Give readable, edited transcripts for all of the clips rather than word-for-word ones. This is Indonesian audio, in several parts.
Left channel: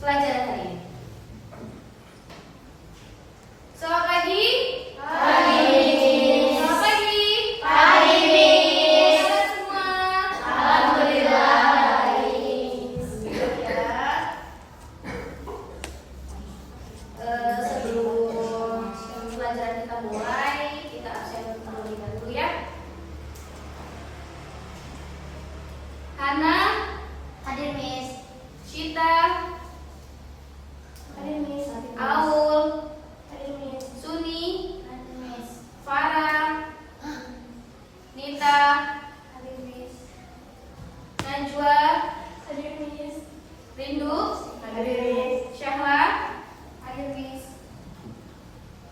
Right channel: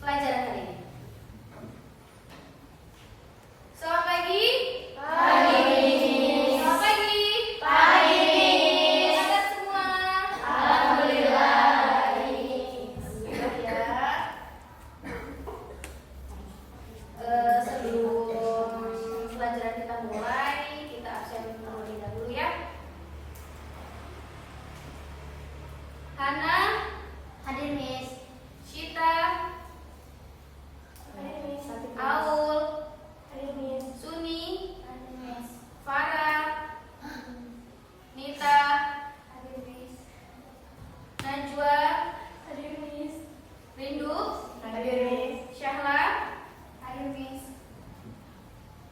pelajaran hari ini. Selamat pagi. Pagi. Selamat pagi. Pagi, Miss. Sehat semua. Alhamdulillah baik. Ya. Sebelum pelajaran kita mulai, kita absen terlebih dahulu ya. Hana, Hadir, Miss. Shita, Hadir, Miss. Aul, Hadir, Miss. Suni, Hadir, Miss. Farah, Nita, Hadir, Miss. Najwa, Hadir, Miss. Rindu, Hadir, Miss. Syahla. Hadir, Miss.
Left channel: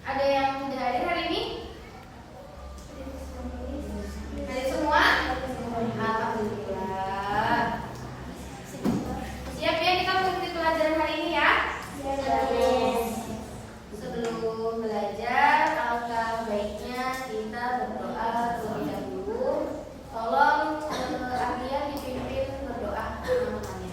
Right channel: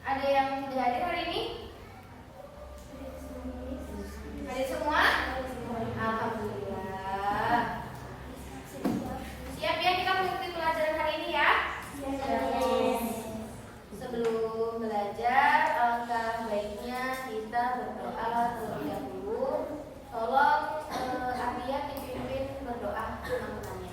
Ada yang tidak hadir hari ini? Hadir semua? Alhamdulillah. Siap ya kita mengikuti pelajaran hari ini ya? Sebelum belajar, alangkah baiknya kita berdoa terlebih dahulu. Tolong Ardian dipimpin berdoa teman-temannya.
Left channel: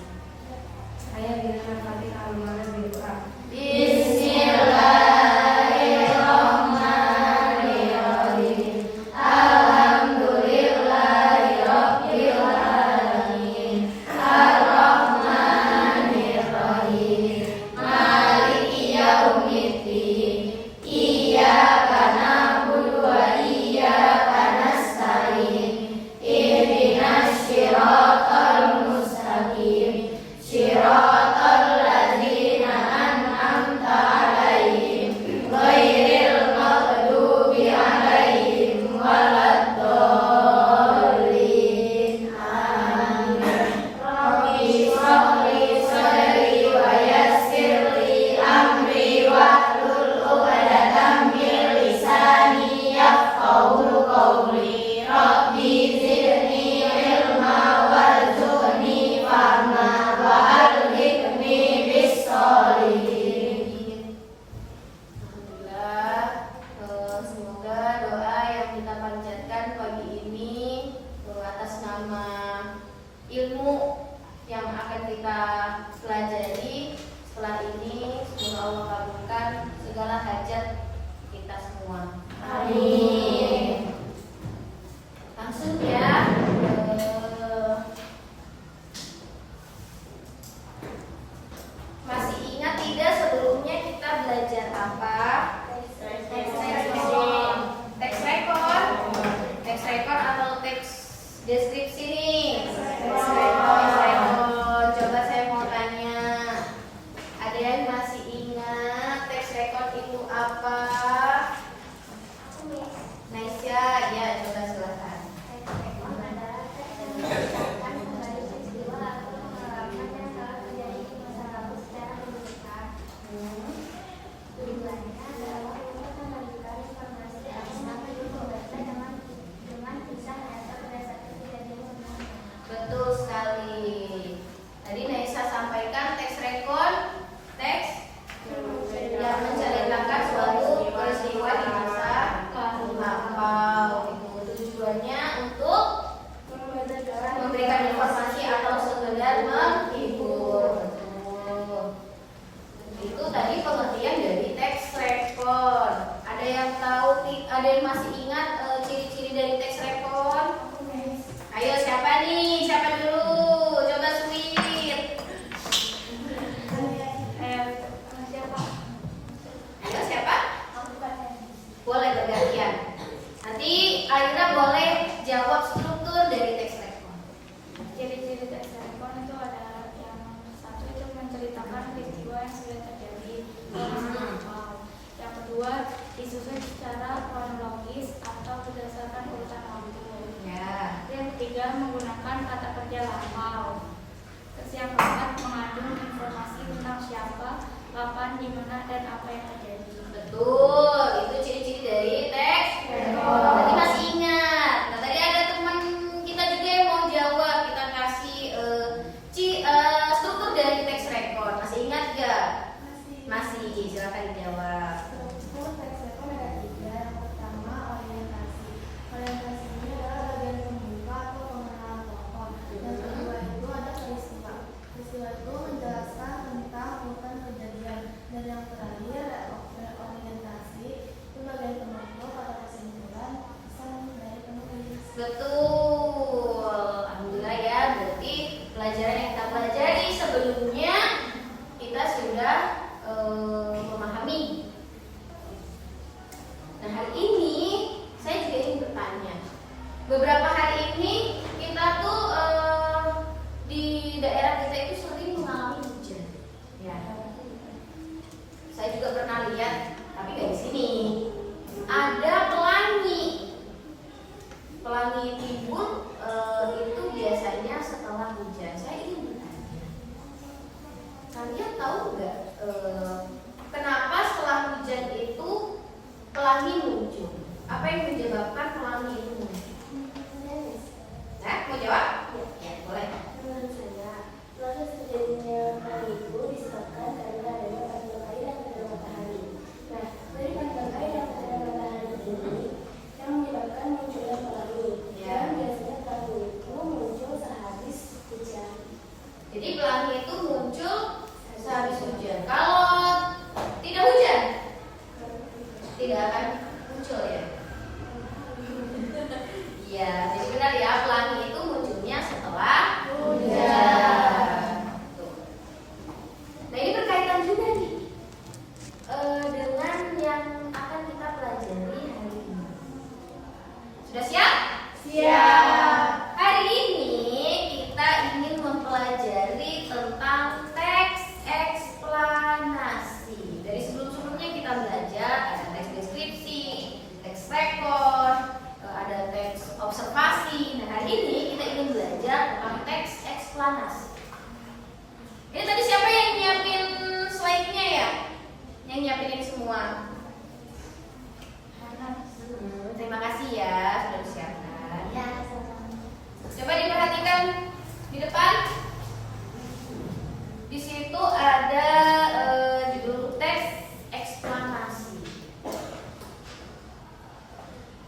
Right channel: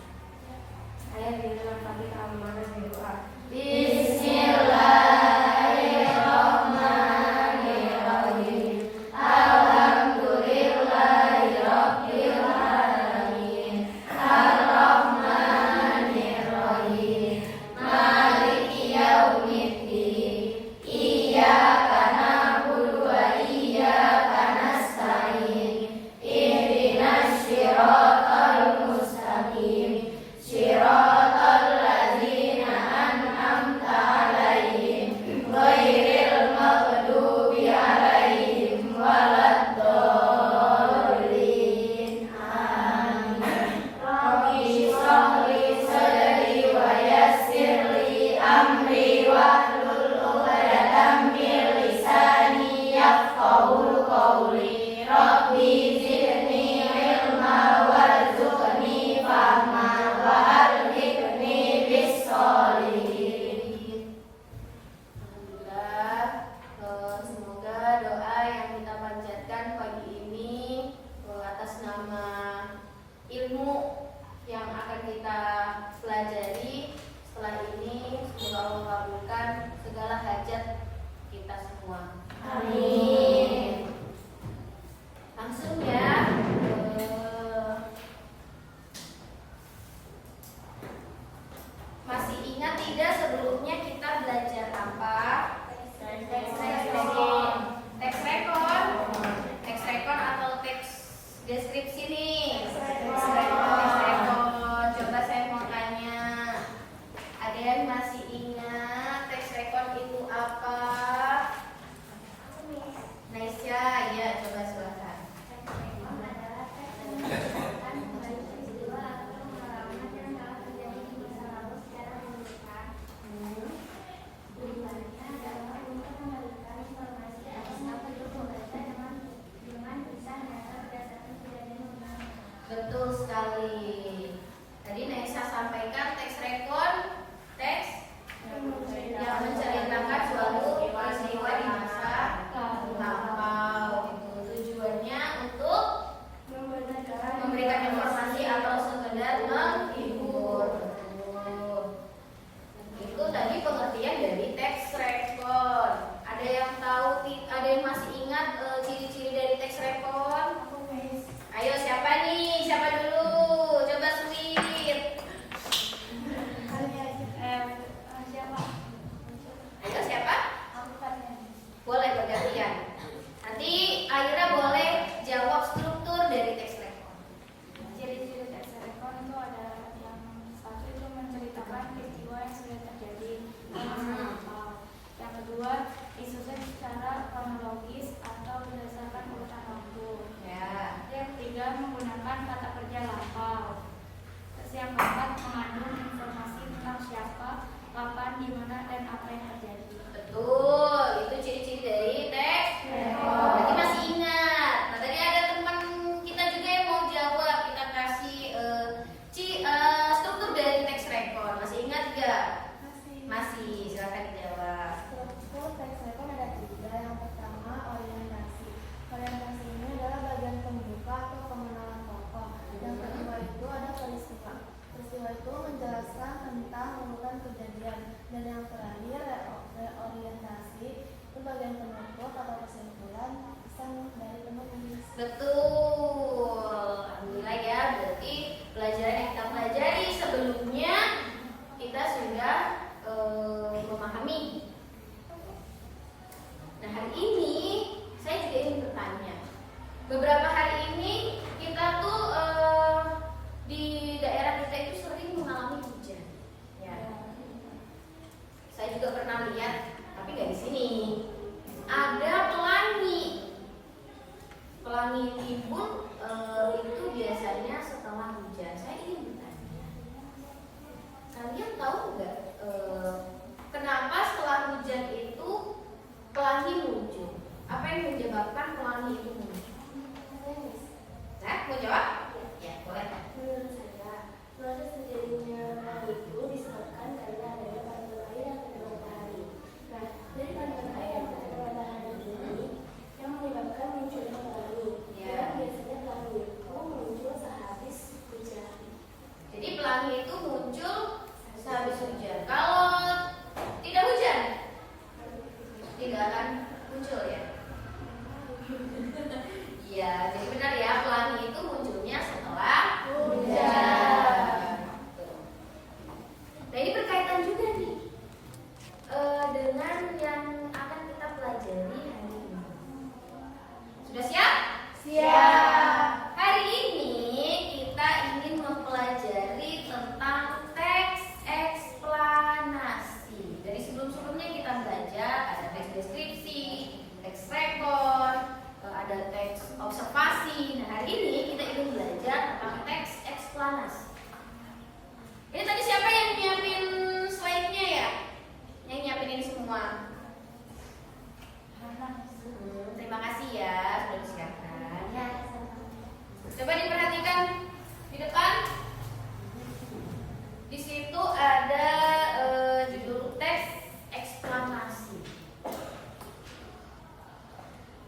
Saya Birman Fadil Almana berdoa. Bismillahirrahmanirrahim. Alhamdulillahirabbil alamin. Arrahmanirrahim. Maliki yaumiddin. Iyyaka na'budu wa iyyaka nasta'in. Ihdinas shiratal mustaqim. Shiratal ladzina an'amta 'alaihim ghairil maghdubi 'alaihim waladdallin. Amin. Rabbi shrah li sadri wa yassir li amri wahlul 'uqdatam min lisani yafqahu qawli. Rabbi zidni ilma warzuqni fahma wa alhiqni bis sholihin. Alhamdulillah, semoga doa yang kita panjatkan pagi ini atas nama ilmu yang akan kita pelajari setelah ini, semoga Allah kabulkan segala hajat kita semua. Amin. Langsung ya. Masih ingat tidak sebelumnya kita belajar apa? Teks record. Teks record atau teks deskripsi nih? Teks record. Coba saya mau tanya. Ada yang masih ingat teks record itu apa? Naisya, ya coba silakan. Betul sekali. Tadi Naisa sampaikan teks record, teks yang menceritakan suatu peristiwa di masa lampau. Itu tujuannya untuk memberikan informasi atau sekedar menghibur. Betul. Itu tadi pengertian dari teks record. Ada yang tahu? Ada yang masih ingat ciri-ciri dari teks record? Ayo siapa nih? Siapa dulu? Coba sweet. Ayo siapa? Boleh bergantian. Nanti Aira boleh jawab struktur dari teks record. Ciri-ciri teks record itu ada yang satu itu menceritakan peristiwa yang sudah terjadi. Yang kedua disusun secara kronologis atau berdasarkan urutan waktu. Ya. Yang ketiga menggunakan kata kerja lampau. Terus yang keempat mengandung informasi tentang siapa, kapan, di mana, dan apa yang terjadi. Betul, itu ciri-ciri dari teks record. Berarti masih ingat. Nah, tadi ada teman kita juga yang mau jawab. Kita kasih struktur dari teks record. Masih ingat gak? Masih, silakan dijawab. Orientasi ini adalah bagian pembuka atau pengenalan tokoh. Yang kedua itu ada peristiwa. Peristiwa itu menjelaskan tentang kalian tahu nggak kenapa setelah hujan itu pelangi muncul? Apa yang menyebabkan pelangi itu muncul? Nah, mau jawab? Ya, boleh. Menurut saya, proses terjadinya pelangi itu disebabkan karena adanya partikel air yang terkena matahari. Nah, dari partikel air yang terkena matahari ini yang menyebabkan munculnya pelangi. Ya. Dan biasanya pelangi itu muncul sehabis hujan. Jadi pelangi itu muncul sehabis hujan. Kalau tidak hujan, tidak akan muncul ya. Iya, jadi benar ya, pelangi itu munculnya setelah hujan. Tuh. Nah, ini berkaitan juga nih dengan yang akan kita pelajari hari ini. Sudah siap? Siap. Hari ini kita ingin mempelajari tentang teks eksplanasi. Dari sebelum-sebelumnya kita belajar ada teks deskripsi, teks rekor, ada teks observasi. Nah, hari ini kita ingin belajar tentang teks eksplanasi. Ini tadi siapa yang nyiapin slide-nya ya? Yang nyiapin ini semua? Terima kasih ya sudah disiapkan. Ya, Coba diperhatikan di depan. Di situ ada judul teks eksplanasi.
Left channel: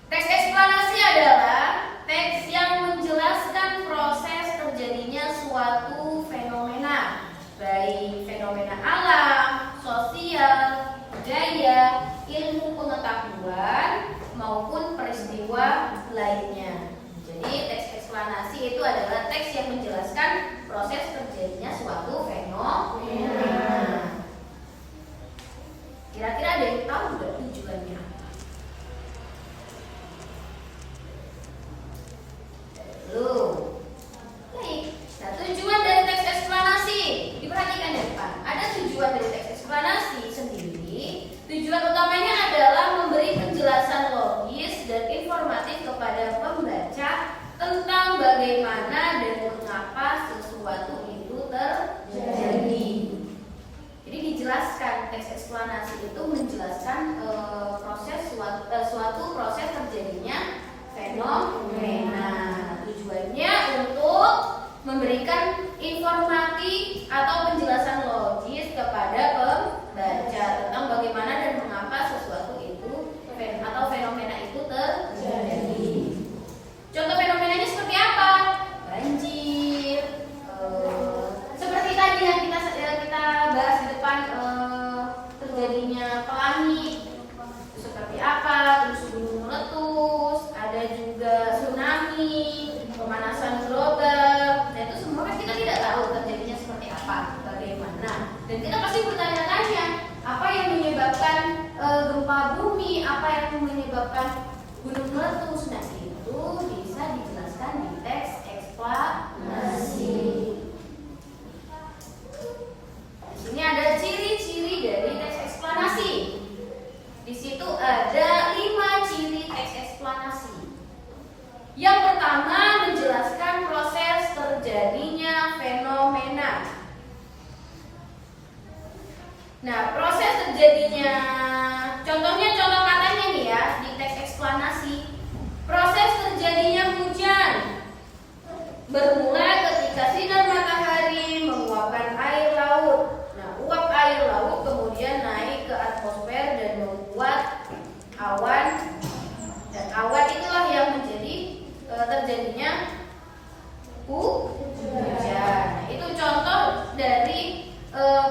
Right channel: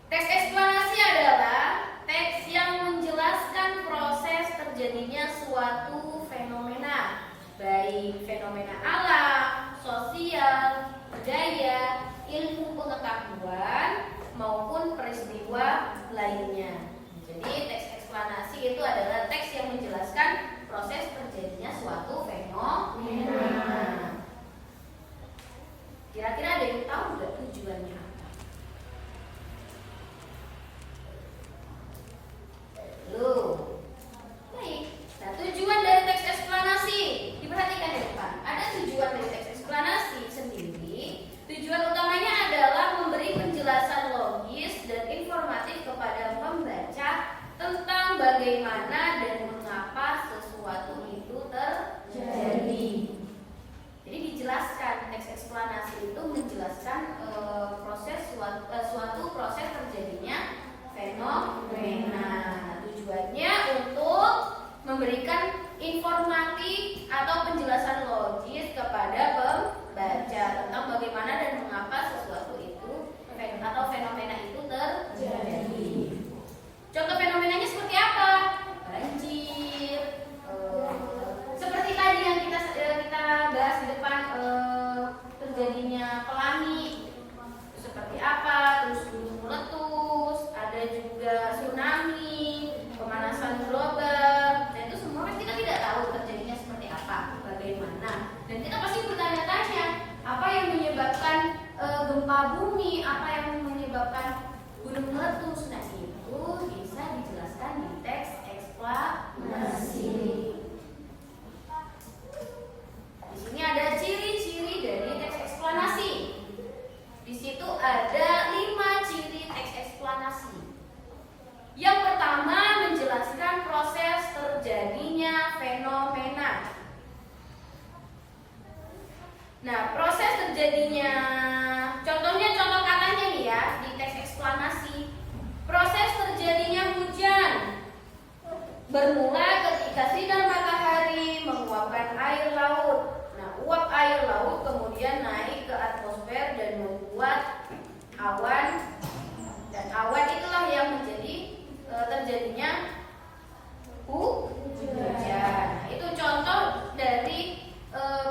Teks eksplanasi adalah teks yang menjelaskan proses terjadinya suatu fenomena, baik fenomena alam, sosial, budaya, ilmu pengetahuan, maupun peristiwa lainnya. Jadi teks eksplanasi itu adalah teks yang menjelaskan proses terjadinya suatu fenomena. Kira-kira ada yang tahu nggak tujuannya? Belum. Baik. Nah, tujuan dari teks eksplanasi diperhatikan di depan. Ada tujuan dari teks eksplanasi sendiri. Tujuan utamanya adalah memberi penjelasan logis dan informatif kepada pembaca tentang bagaimana dan mengapa sesuatu itu terjadi. Jadi dijelaskan, teks eksplanasi itu menjelaskan suatu proses terjadinya fenomena. Tujuannya untuk memberikan informasi atau penjelasan logis kepada pembaca tentang bagaimana dan mengapa sesuatu itu atau fenomena itu terjadi. Contoh fenomenanya seperti apa? Banjir, seperti tadi yang kita bahas di depan, terjadinya pelangi, seperti apa? Terus gunung meletus, ada juga tsunami, pemanasan global. Nah, itu semua kan kita tidak tahu terjadinya seperti apa, bagaimana. Dan kita pasti bertanya-tanya, apa yang menyebabkan gempa bumi, apa yang menyebabkan gunung meletus. Nah, itu bisa dijelaskan di teks eksplanasi. Di sini ada ciri-ciri dari teks eksplanasi. Di situ ada 5 ciri teks eksplanasi. Yang pertama, menjelaskan proses terjadinya fenomena. Nah, proses terjadinya, contoh katanya nih ya di teks eksplanasi. Proses terjadinya hujan bermula ketika sinar matahari menguapkan air laut. Nah, uap air laut kemudian naik ke atmosfer dan membuat awan. Dan awan itulah yang menjadi terjadinya hujan. Nah, itu contoh dari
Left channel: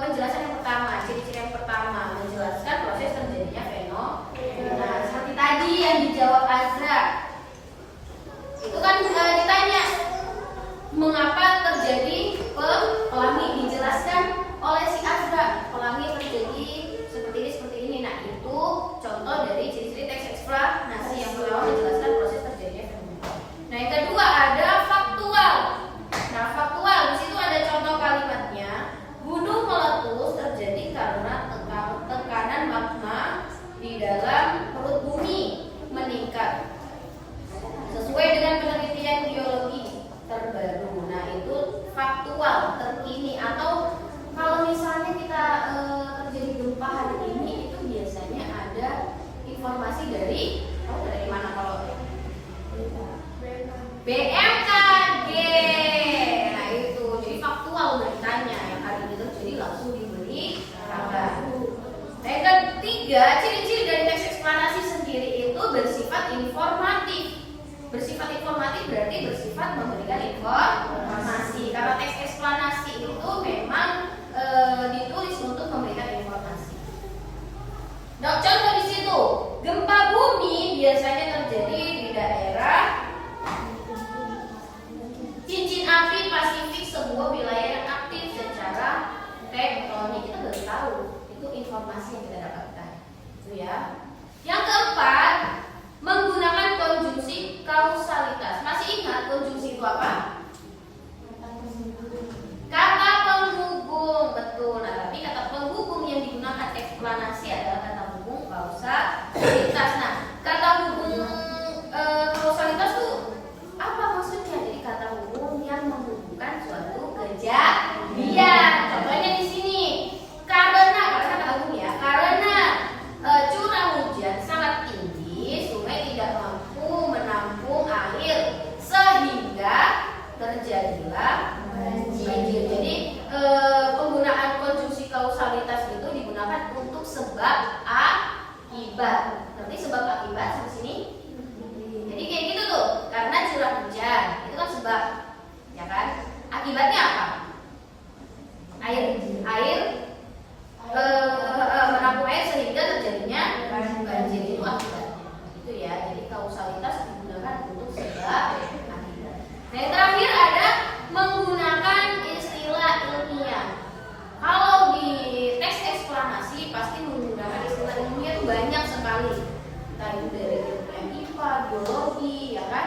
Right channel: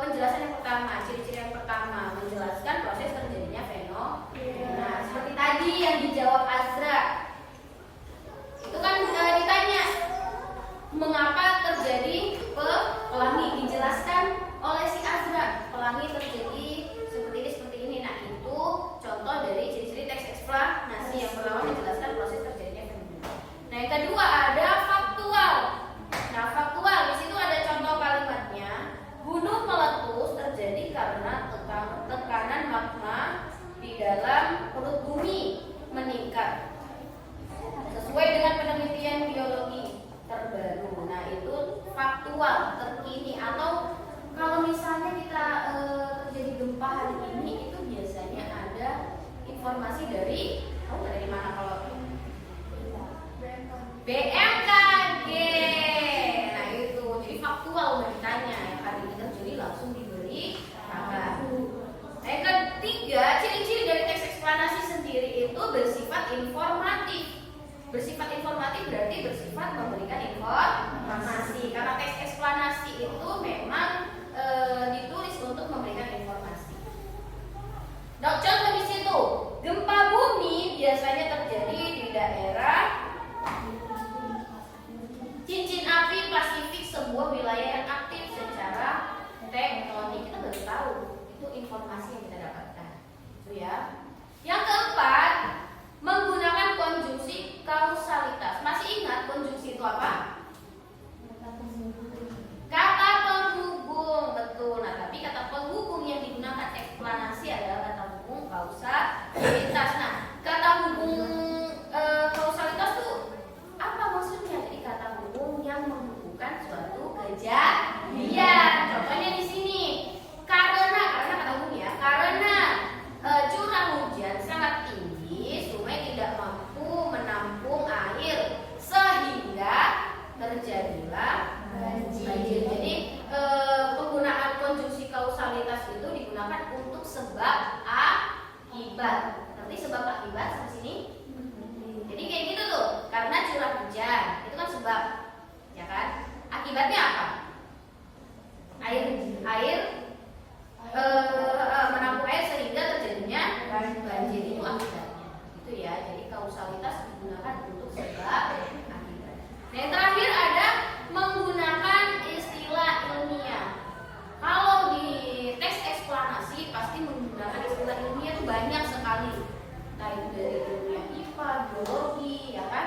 penjelasan yang pertama, ciri-ciri yang pertama, menjelaskan proses terjadinya fenomena. Seperti tadi yang dijawab Azra, itu kan ditanya mengapa terjadi menjadi kata. Yang ketiga, ciri-ciri dari teks eksplanasi sendiri itu bersifat informatif. Bersifat informatif berarti bersifat memberikan informasi. Karena teks eksplanasi itu memang ditulis untuk memberikan informasi. Nah, contoh di situ, gempa bumi biasanya terjadi di daerah cincin api Pasifik, sebuah wilayah yang aktif secara tektonik. Kita baru tahu, itu informasi yang kita dapatkan. Itu ya. Yang keempat, menggunakan konjungsi kausalitas. Masih ingat konjungsi itu apa? Kata penghubung, betul. Nah, tapi kata penghubung yang digunakan eksplanasi adalah kata hubung kausalitas. Nah, kata hubung kausalitas itu apa maksudnya? Jadi kata hubung yang menghubungkan suatu kejadian. Contohnya di sini, karena kata hubung ya, karena curah hujan sangat tinggi, sungai tidak mampu menampung air sehingga terjadilah banjir. Jadi penggunaan konjungsi kausalitas itu digunakan untuk sebab akibat. Nanti sebab akibat di sini. Jadi kayak gitu tuh, karena curah hujan itu kan sebab, ya kan? Akibatnya apa? Air menampung air sehingga terjadinya banjir, itu akibatnya. Itu ya. Jadi kausalitas digunakan untuk sebab akibat. Nah, yang terakhir ada menggunakan istilah ilmiah. Kalau di teks eksplanasi pasti menggunakan istilah ilmiah itu banyak sekali. Entah itu dari ilmiah IPA, biologi, ya kan?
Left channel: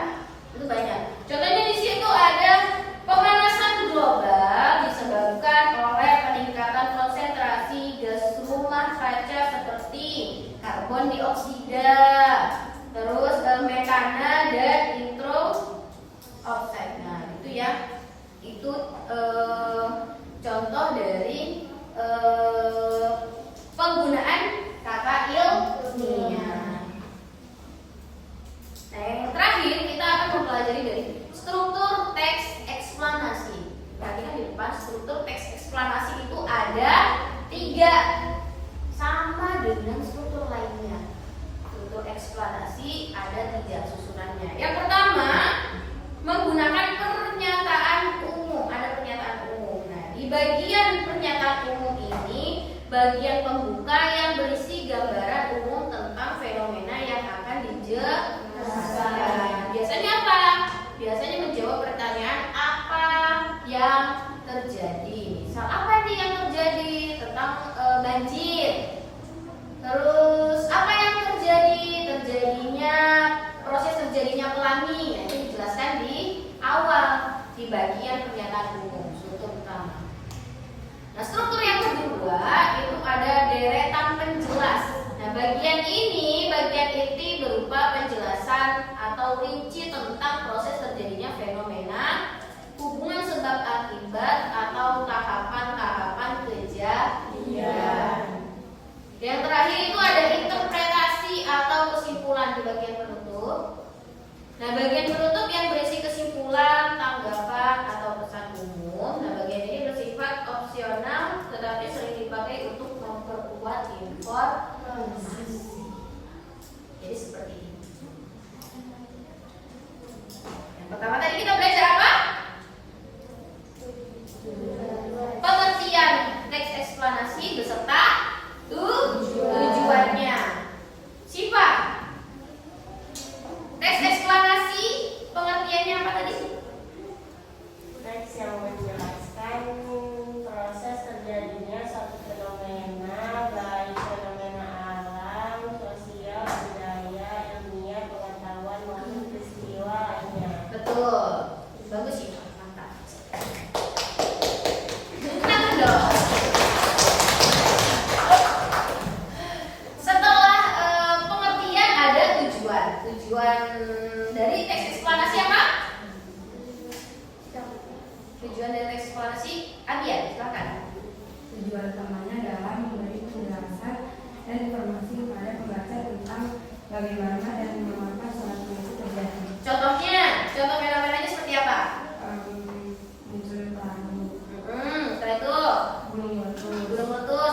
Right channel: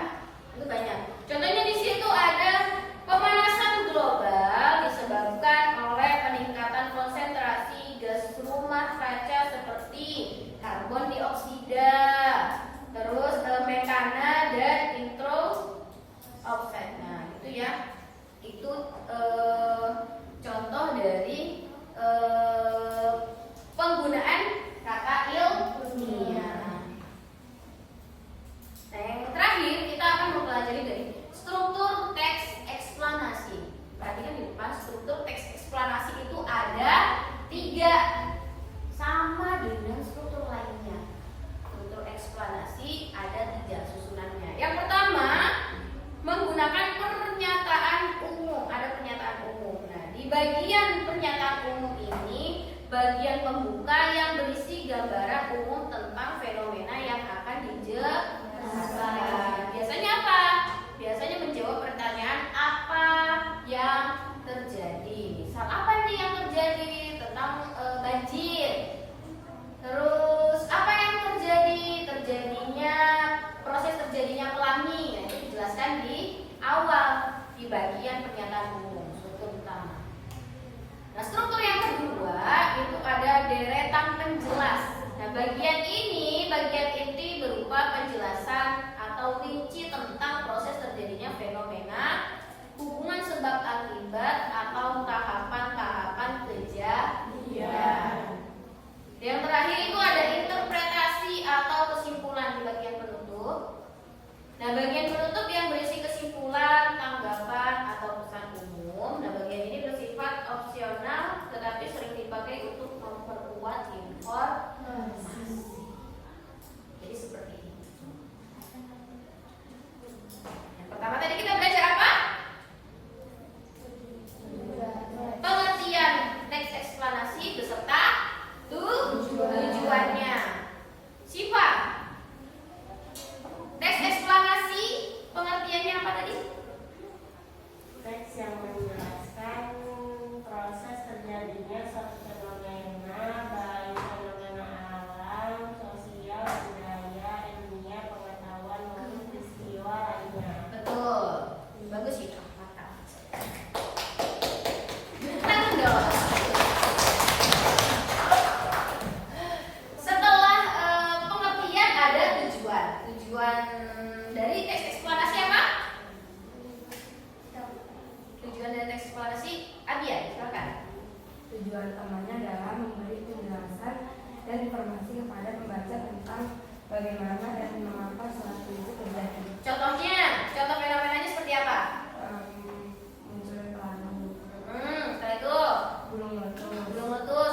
Itu banyak. Contohnya di situ ada pemanasan global disebabkan oleh peningkatan konsentrasi gas rumah kaca seperti karbon dioksida, terus metana dan nitrous oxide. Nah, itu ya. Itu contoh dari penggunaan kata ilmiah. Nah, yang terakhir kita akan mempelajari dari struktur teks eksplanasi. Perhatikan di depan, struktur teks eksplanasi itu ada 3, sama dengan struktur lainnya. Struktur eksplanasi ada 3 susunannya. Yang pertama, menggunakan pernyataan umum. Ada pernyataan umum. Nah, di bagian pernyataan umum ini, bagian pembuka yang berisi gambaran umum tentang fenomena yang akan dijelaskan. Biasanya apa? Biasanya menjawab pertanyaan apa yang terjadi. Misal apa nih yang terjadi tentang banjir. Terus apa yang terjadi? Proses terjadinya pelangi. Nah, itu dijelaskan di awal di bagian pernyataan umum, struktur utama. Nah, struktur yang kedua itu ada deretan penjelas. Nah, bagian ini, bagian inti berupa penjelasan atau rinci tentang proses terjadinya fenomena, hubungan sebab akibat atau tahapan-tahapan kejadian. Yang terakhir itu ada interpretasi atau kesimpulan di bagian penutup. Nah, bagian penutup yang berisi kesimpulan, tanggapan atau pesan umum. Nah, bagian ini bersifat opsional tetapi sering dipakai untuk memperkuat informasi. Jadi seperti ini. Yang pertama tadi kita belajar apa? Pengertian teks eksplanasi beserta tujuannya. Siapa? Teks eksplanasi pengertiannya apa tadi? Teks yang menjelaskan proses terjadinya suatu fenomena, baik fenomena alam, sosial, budaya, ilmiah, pengetahuan maupun peristiwa lainnya. Betul. Bagus sih, mantap. Tangan dong. Setelah pengertian ada tujuan. Tujuan dari teks eksplanasi apa? Tujuan dari teks eksplanasi, Abian, silakan. Tujuan utamanya adalah memberi penjelasan dan informasi kepada pembaca tentang bagaimana dan mengapa suatu itu terjadi. Contoh fenomenanya seperti apa? Muncul pelangi, Setelah itu gunung batu, gunung letus,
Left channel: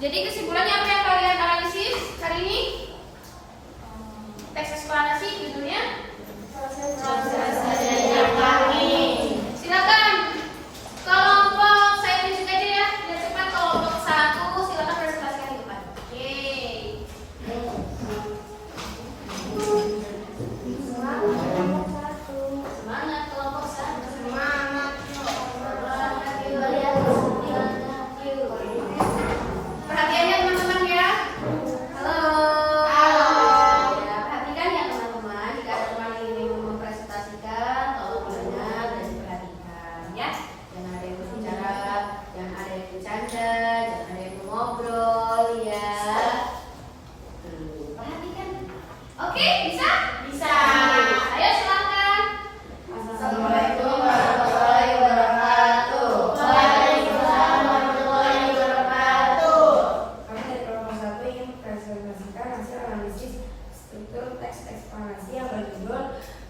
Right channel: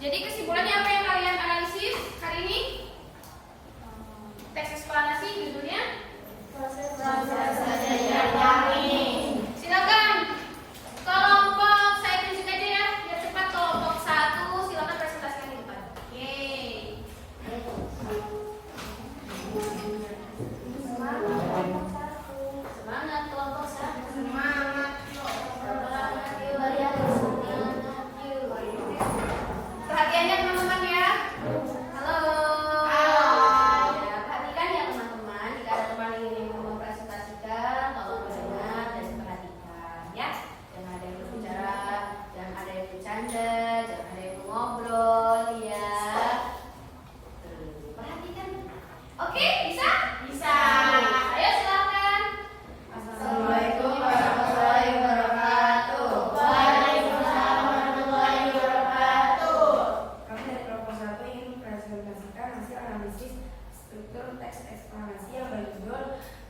Jadi kesimpulannya apa yang kalian analisis hari ini? Teks eksplanasi judulnya Proses silakan kelompok, saya tunjuk aja ya, biar cepat. Kelompok 1 silakan presentasikan di depan. Oke. Semangat kelompok 1. Semangat yuk. Perhatiannya teman-teman ya. Halo. Ya, perhatikan ya teman-teman. Jika ada teman ini mempresentasikan, tolong dengar dan perhatikan ya. Jangan ada yang berbicara, jangan ada yang bercanda, jangan ada yang ngobrol ya. Tuh, perhatikan. Oke, bisa? Bisa. Ayo silakan. Assalamualaikum warahmatullahi wabarakatuh. Waalaikumsalam warahmatullahi wabarakatuh. Kami dari kelompok 1 ingin mempresentasikan hasil analisis struktur teks eksplanasi yang berjudul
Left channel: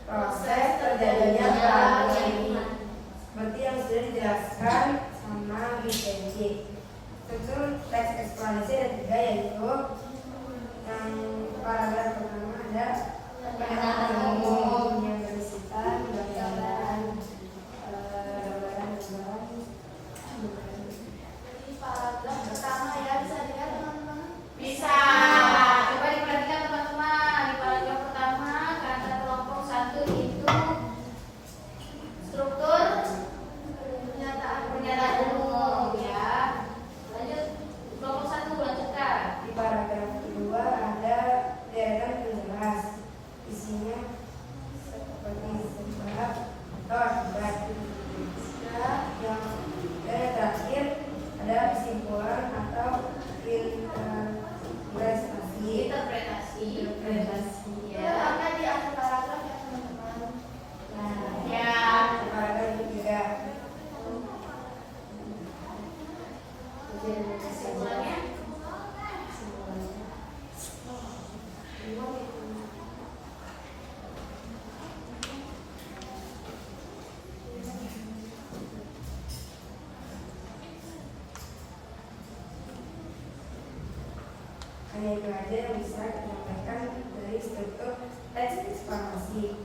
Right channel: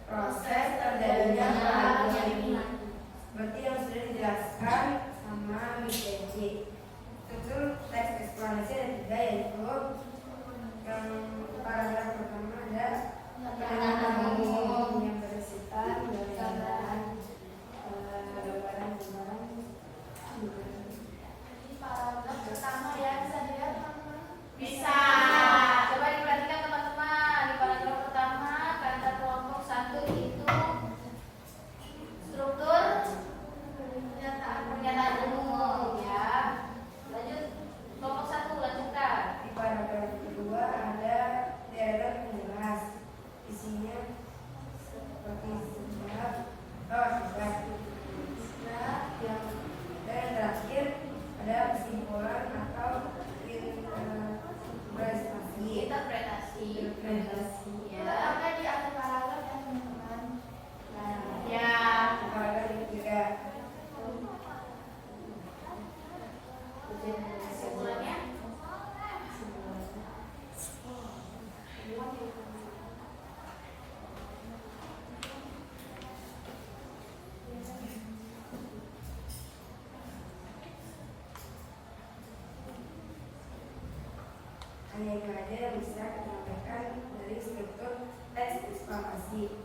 proses terjadinya perubahan. Seperti yang sudah dijelaskan sama BPJ. Struktur teks eksplanasi ada 3, yaitu paragraf pertama ada pernyataan umum yang berisikan gambaran. paragraf pertama ya, bisa dilihat teman-teman. Bisa. Coba diperhatikan teman-teman. Di paragraf pertama kata kelompok 1 itu struktur pernyataan umum ya. Lanjut kelompok 1 lanjutkan. Di paragraf kedua ada deretan penjelas, isinya seperti sebab akibat. Yang terakhir ada kesimpulan atau interpretasi. Ya. Ada di akhir paragraf ya teman-teman. Ya. Paragraf ketiga Kesimpulannya hanya itu aja yang bisa dikatakan dari struktur teks eksplanasi.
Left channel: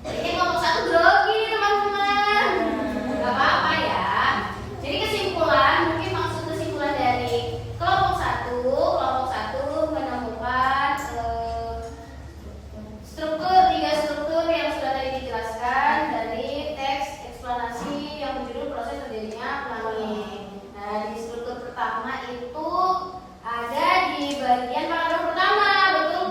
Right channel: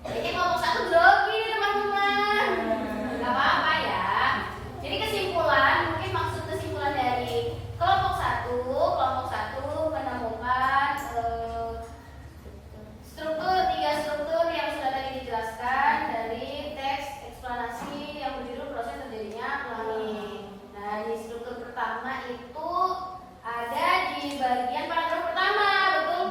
Kayaknya kelompok 1 grogi teman-teman. Gak apa-apa ya. Jadi kesimpulan, mungkin maksud kesimpulan dari kelompok 1 menemukan tiga struktur yang sudah tadi dijelaskan dari teks eksplanasi yang berjudul proses terjadinya planning. Nah, di struktur pertama itu ada di bagian paragraf pertama, betul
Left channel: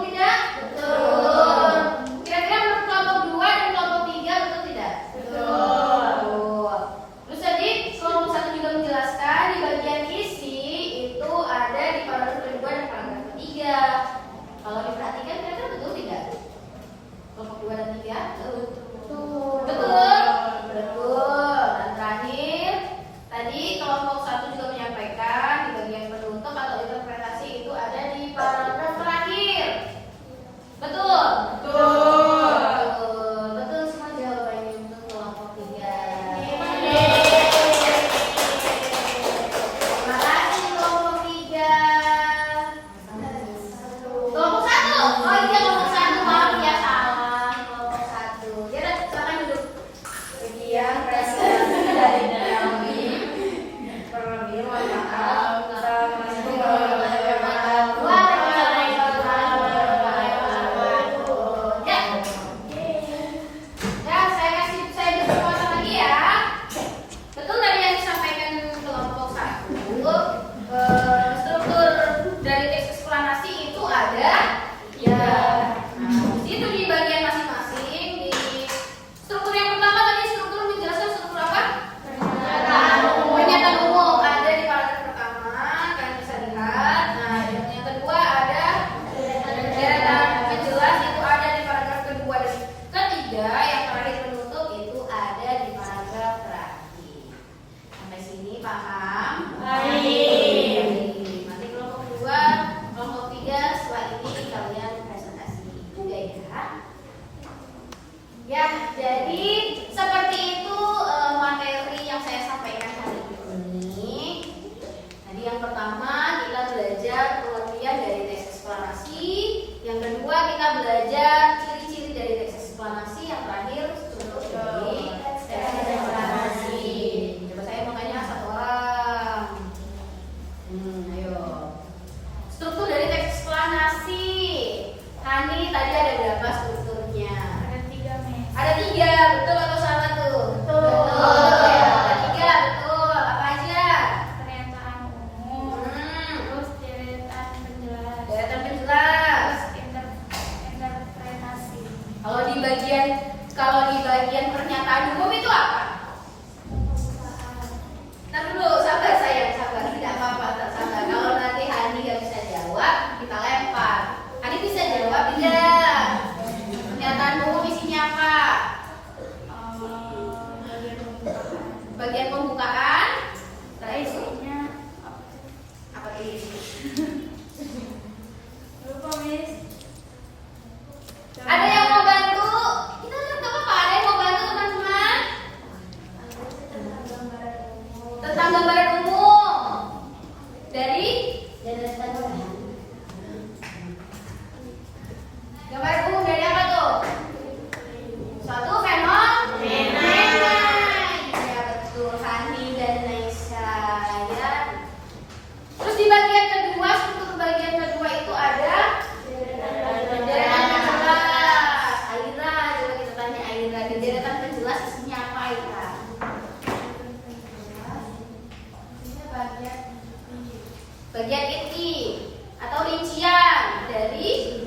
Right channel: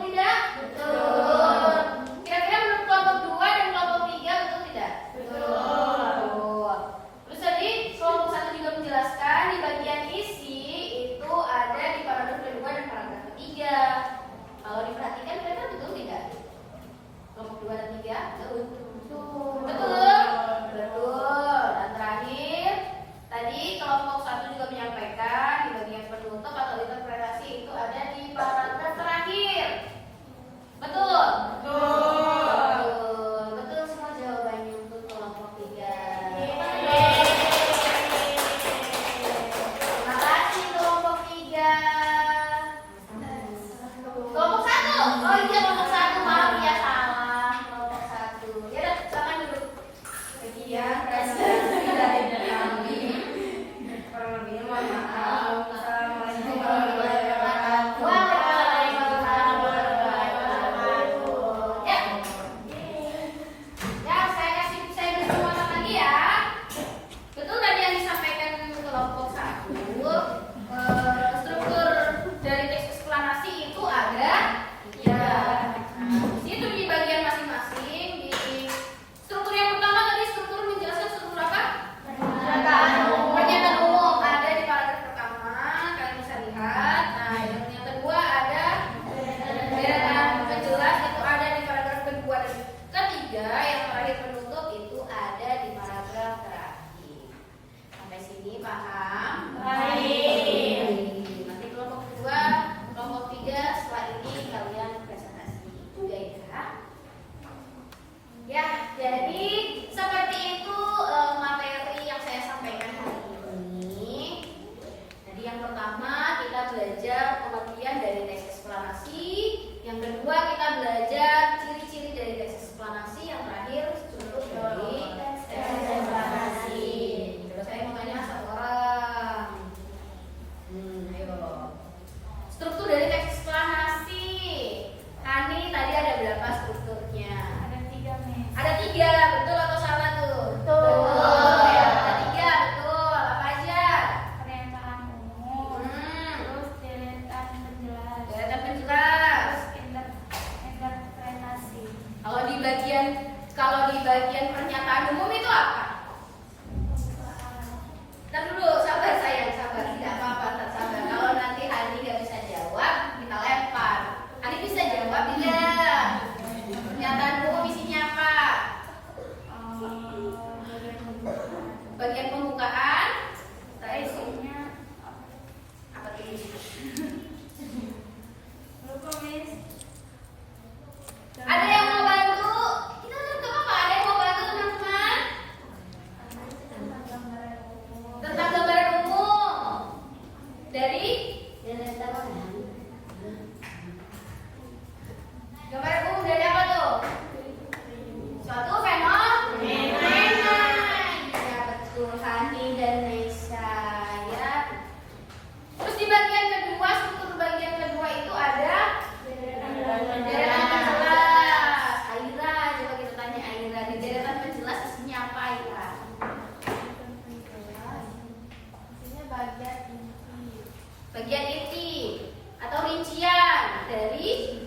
bagian inti atau rincian dari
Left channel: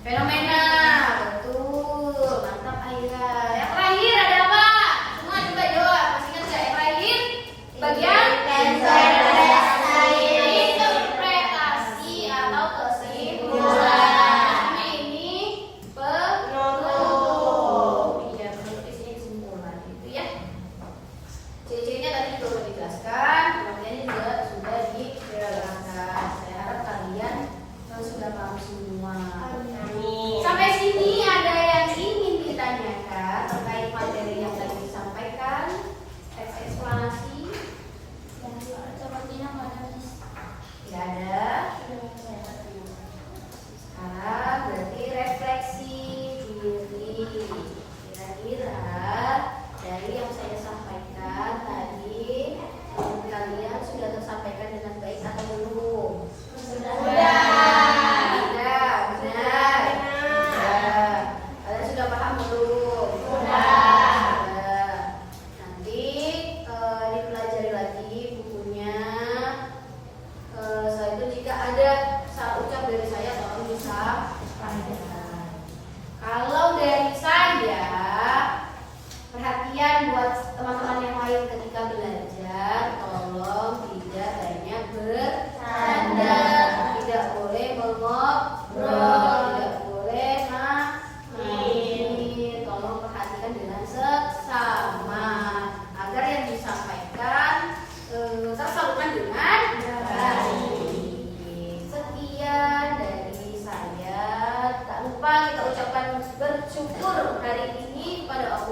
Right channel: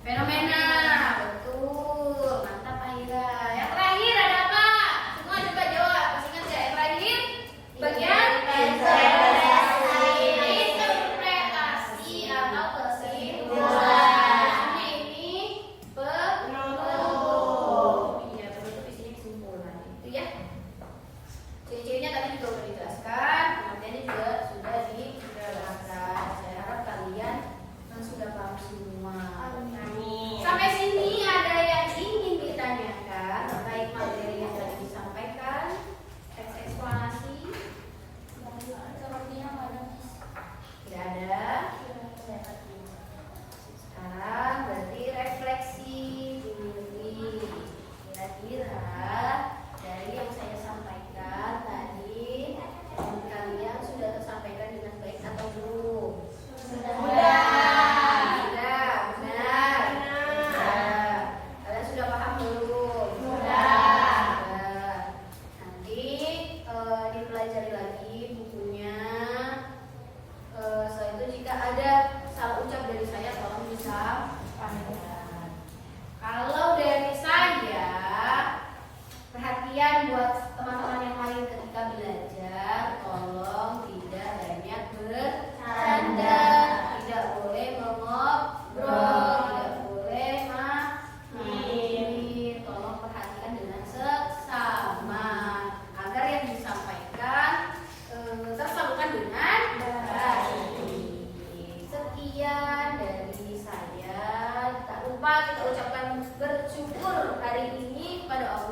fenomena. Betul, mantap Aira. Yang terakhir ada apa? Semua coba jawab. Masih ingat nggak yang terakhir? Bagian interpretasi atau kesimpulan. Karena ini penutup. Iya, penutup isinya kesimpulan. Itu ya. Ciri-cirinya tadi sudah dijelaskan, pengertiannya juga sudah diterangkan. Saya harap kalian sudah paham semua. Sampai sini ada yang ingin ditanyakan terkait materi yang tadi disampaikan? Eksplanasi? Tidak ada. Sekarang berarti refleksi diri. Kira-kira dari yang saya sampaikan tadi, kalian sudah tersampaikan dengan baik atau belum? Sudah. Kalian sudah paham belum? Sudah. Nanti dipelajari lagi bukunya. Setelah itu jika ada salah ucap dari saya tolong disampaikan. Kalau dari saya, perhatian buat teman-teman yang lain ketika belajar, tolong tidak banyak bercanda, tidak boleh mengobrol, tidak boleh main. Tolong perhatikan dengan seksama agar yang disampaikan tersalurkan dengan baik. Sekian dari saya. Tak lupa kita ucapkan bersyukur hari ini pada Allah